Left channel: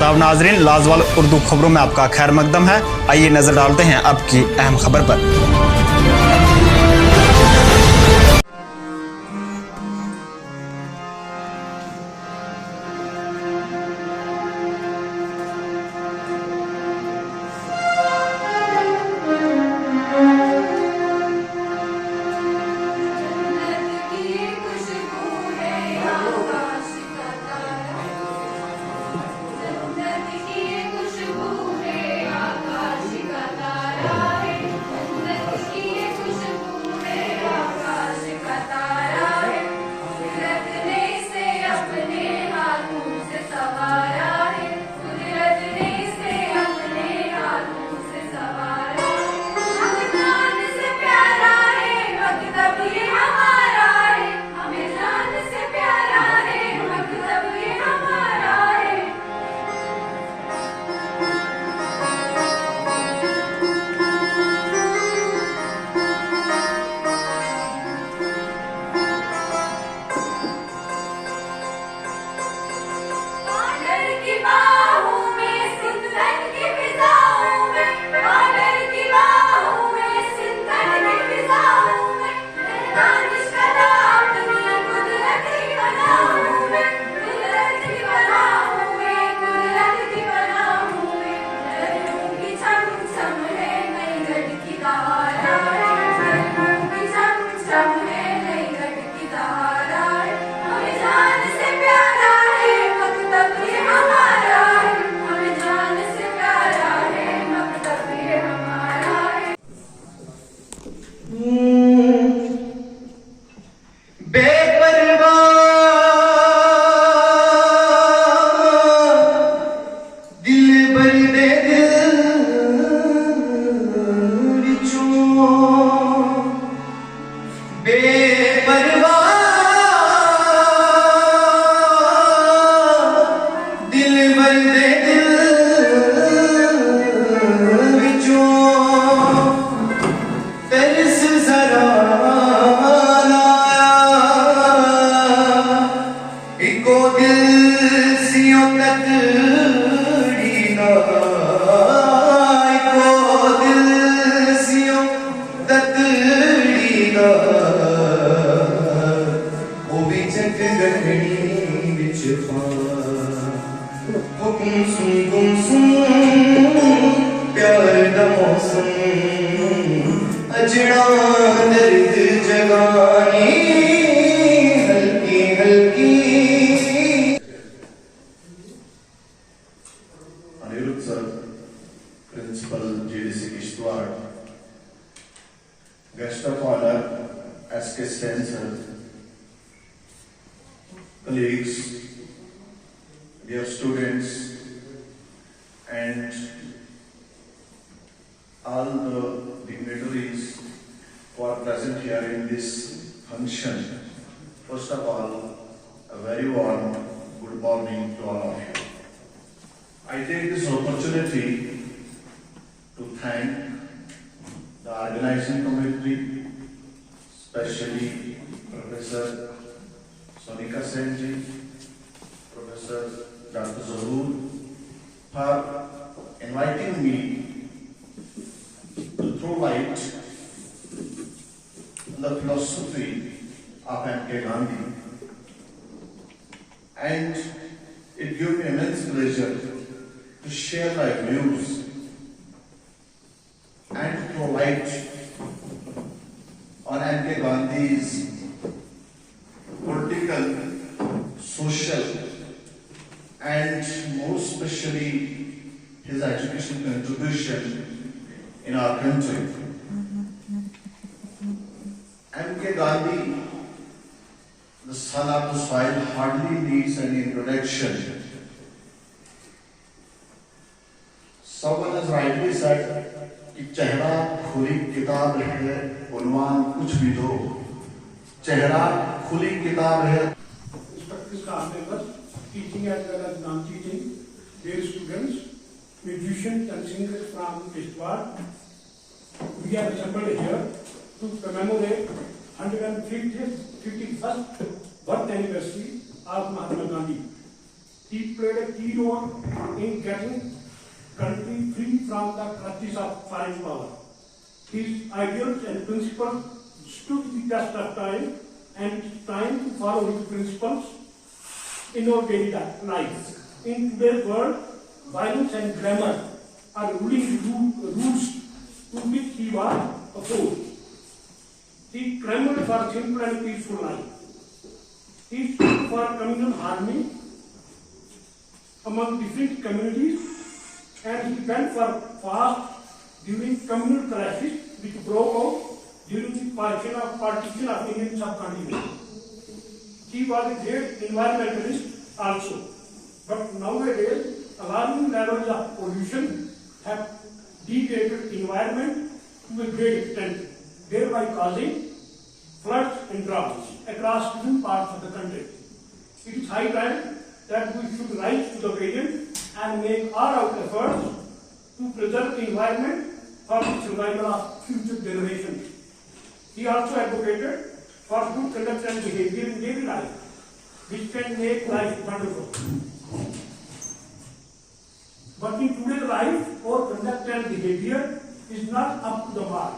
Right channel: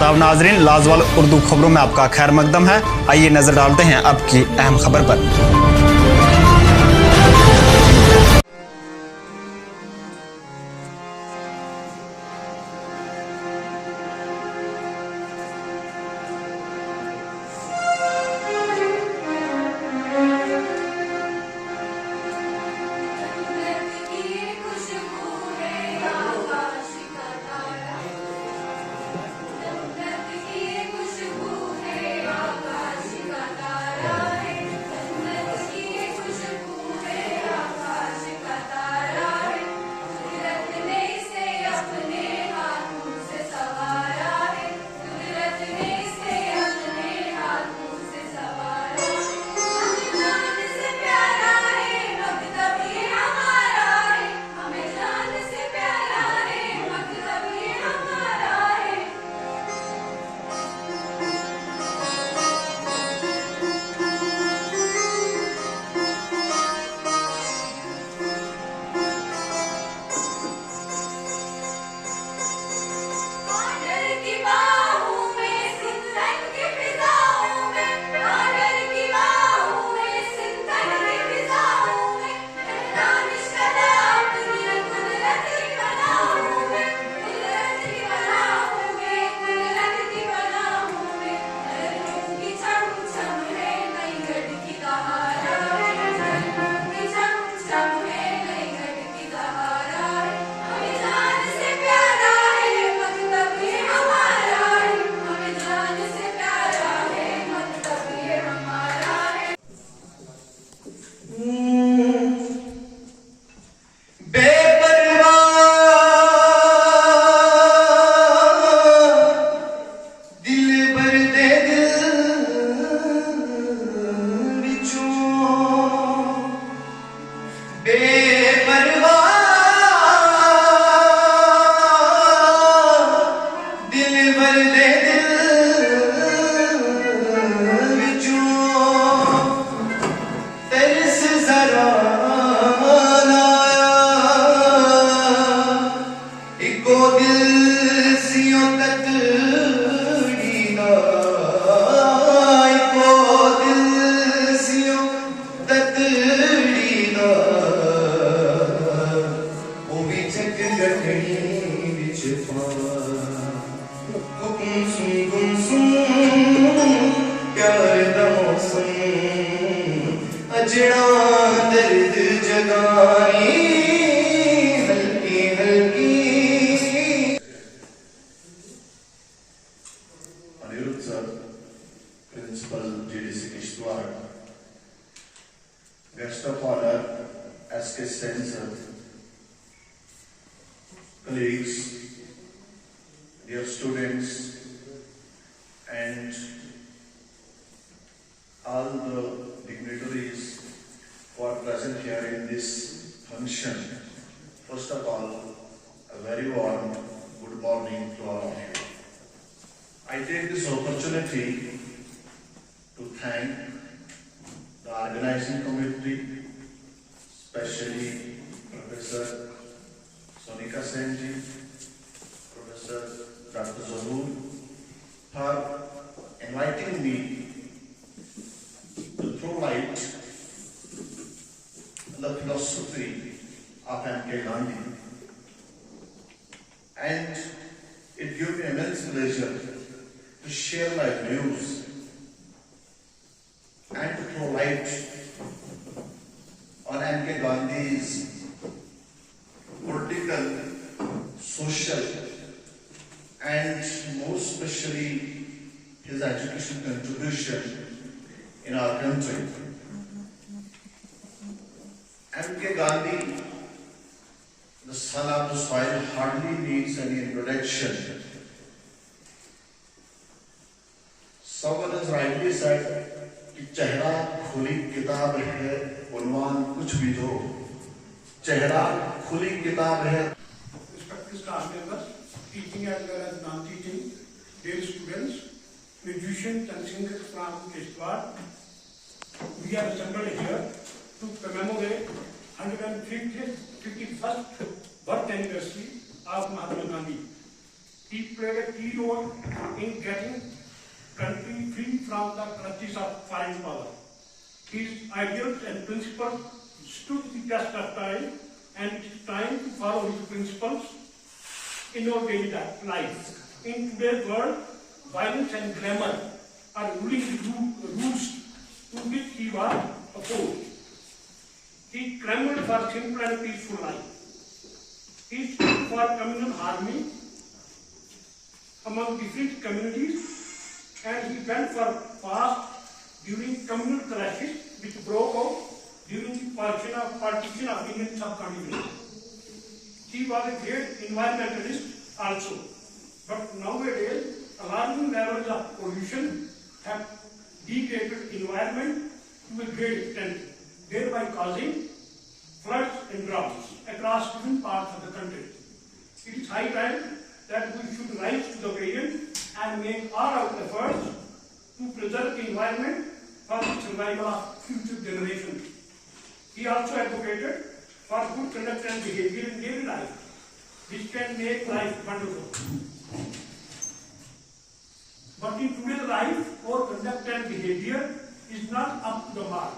तब नाजरीन, लाजवाल उर्दू खबरों में आपका खैर मकदम है। आइए नजर डालते हैं अब की अहम खबर पर। Principal JDC Kishtwar, Guest of Honor SK Spencer, colleagues, dear students, and all the dignitaries who are present here in this function. First of all, a very warm good morning to all of you. I take this opportunity to thank the organizing committee, especially Professor Sonika Senji, Professor Dr. Zahoor, for inviting me to throw light on the philosophy of M.K. Gandhi. And it gives me immense pleasure to share my views and to throw light on M.K. Gandhi's political, social, and most especially his educational contribution in our country. M.K. Gandhi, the son of the soil, hardly needs any introduction. Someone has rightly said कि चेहरा खुली किताब है, उन्वान कुछ भी दो, चेहरा खुली किताब है. Respected staff members, teaching as well as non-teaching, dear students, musicians and singers from Kishtwar, we are assembled here to commemorate 151st birth anniversary of Mahatma Gandhi. He played a key role in getting country free from the clutches of foreign power. His ideals and principles stood the test of time, and it is time to follow his principles in our daily life. In today's world, violence and glamour are ruling the roots to which he was opposed. He clamored for simple and peaceful life. He stood for communal harmony among different communities, and he went for fast during communal clashes which broke out during the partition of Indian subcontinent. He was a great environmentalist also, but nowadays alarming levels of pollution have degraded environment to a great extent, thereby causing floods and droughts across different parts of the country. It is high time that we should rise to the occasion and make all our efforts to preserve the environment for the survival of future generations. He also advocated for good conduct and behavior in daily life, which can make life wonderful. But in today's life, our conduct and behavior is not up to the mark.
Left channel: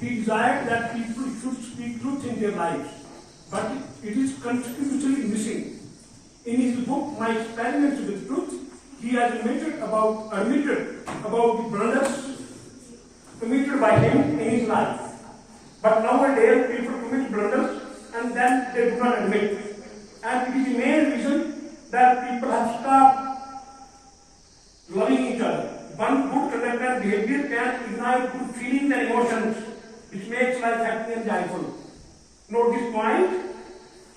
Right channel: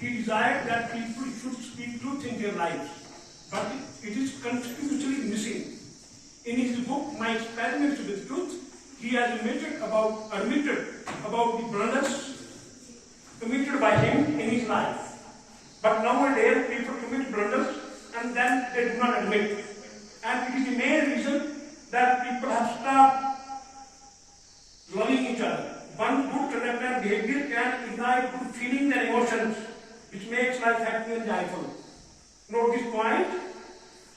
He desired that people should speak truth in their lives, but it is constitutionally missing. In his book, My Experiments with Truth, he has admitted about the blunders committed by him in his life. But nowadays, people commit blunders and then they do not admit. And it is the main reason that people have stopped loving each other. One good conduct and behavior can ignite good feelings and emotions, which makes life happy and joyful. Note this point:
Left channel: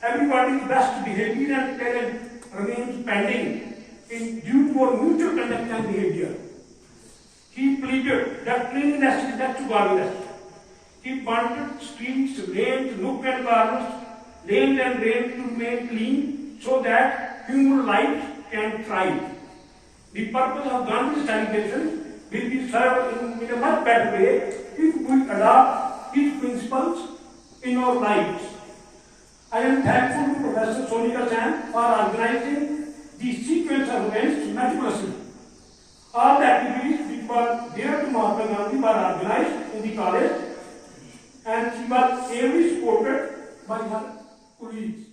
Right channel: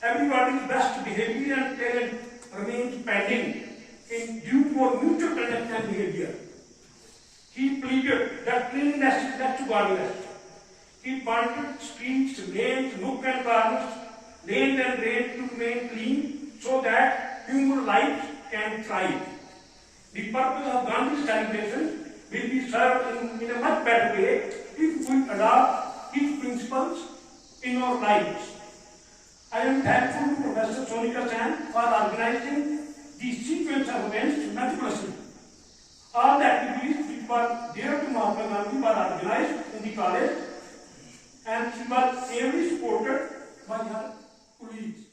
everybody's best behavior and talent remains pending in due to our mutual conduct and behavior. He pleaded that cleanliness is next to godliness. He wanted streets, lanes, nook and corners, lanes and drains to remain clean so that human life can thrive. The purpose of Gandhi's celebration will be served in a much better way if we adopt his principles in our lives. I am thankful to Professor Sonika Sen for organizing the sequence of events meticulously. All the activities which were dear to Mahatma Gandhi were organized in the college, and she was ably supported by her colleagues.